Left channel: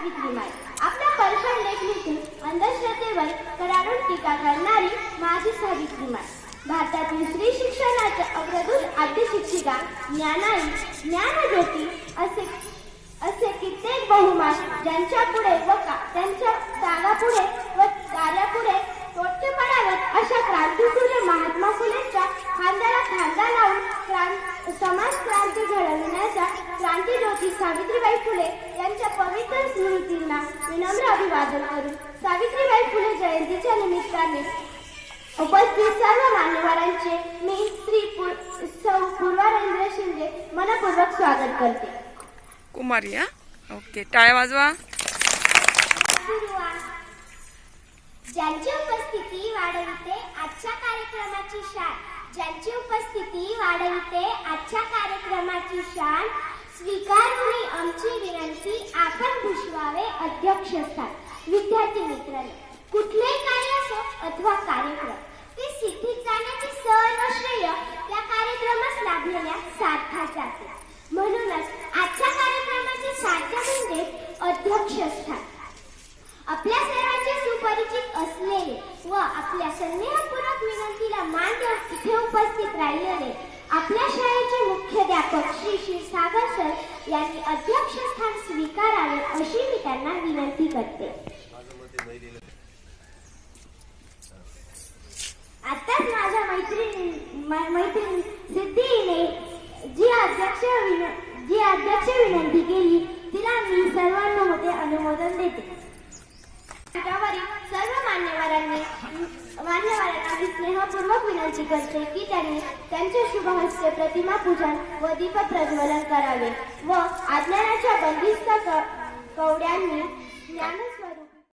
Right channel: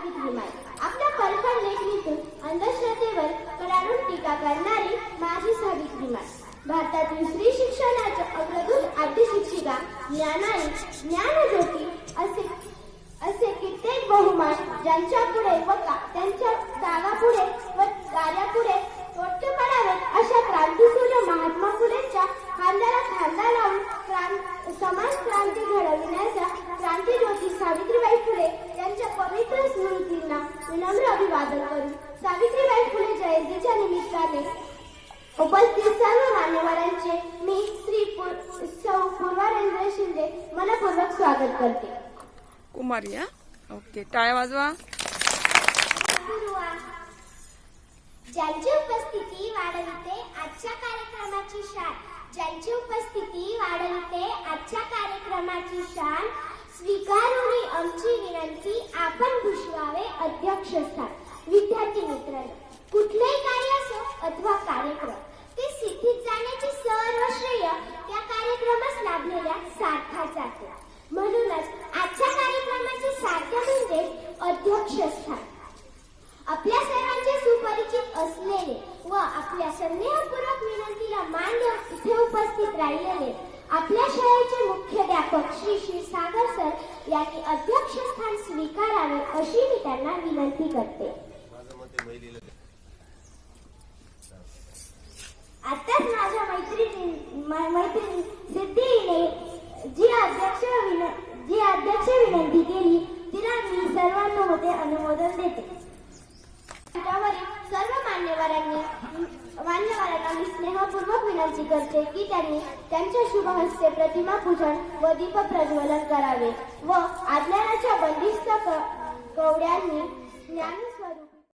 सावित्रीमाई आपल्या परिश्रम लेखणीतून अंधश्रद्धेवर कडाडून टीका करणारी माझी सावित्रीमाई. भारतातील स्त्री शिक्षणाच्या अग्रदूत आद्य शिक्षिका, ज्ञानाई, ज्ञानज्योती असे कित्येक बहुमान ज्यांच्या पुढे व त्यांच्या त्यागापुढे व कार्यापुढे मोठे पडावेत अशा क्रांतीसूर्य महात्मा फुलेंच्या खांद्याला खांदा लावून समाज क्रांती घडविण्याच्या क्रांतीज्योती सावित्रीबाई फुले यांच्या पवित्र स्मृतींना विनम्र अभिवादन करून सावित्रीबाई फुले जयंतीच्या निमित्ताने उपस्थित सर्व मान्यवरांचे मी श्री सौ पूर्वा रेल्वे शिंदे मनपूर्वक स्वागत करते. कुमारी ओके, टाळ्या वाजवा. ज्यांची उपस्थिती वाढविते आजच्या कार्यक्रमाची शान, ज्यांची उपस्थिती वाढविते आजच्या कार्यक्रमाची शान, स्वीकारूनी आमची विनंती आपण भूषवावे अध्यक्षस्थान. विद्यार्थी मित्रांनो, कुठलेही कार्य असो अथवा कार्यक्रम ते सिद्धीत जाण्याची सर्व श्रेय त्या कार्यक्रमास लाभलेल्या सार्थाचे आहे. म्हणूनच आजच्या कार्यक्रमाचे सार्थ म्हणजे अध्यक्षस्थान. आपल्या सर्वांचे सुपरिचित असलेले व आपल्या स्नेहपूर्वक विनंतीला मान देऊन इथे उपस्थित राहिलेले आपल्या शाळेचे मुख्याध्यापक श्री क्षीरसागर सर यांनी अध्यक्षस्थान स्वीकारावे अशी मी त्यांना विनंती करते. आताच माझ्या मैत्रिणी सिद्धीने जी अध्यक्ष विनंती केली तिला मी सर्वांमध्ये अनुमोदन देते. सर्व मान्यवरांना मी स्नेहपूर्वक विनंती करते की त्यांनी त्यांच्या शुभ हस्ते प्रतिमा पूजन व दीप प्रज्वलन करावे व अज्ञानाच्या बंदिस्त कवड्यांनी ज्ञान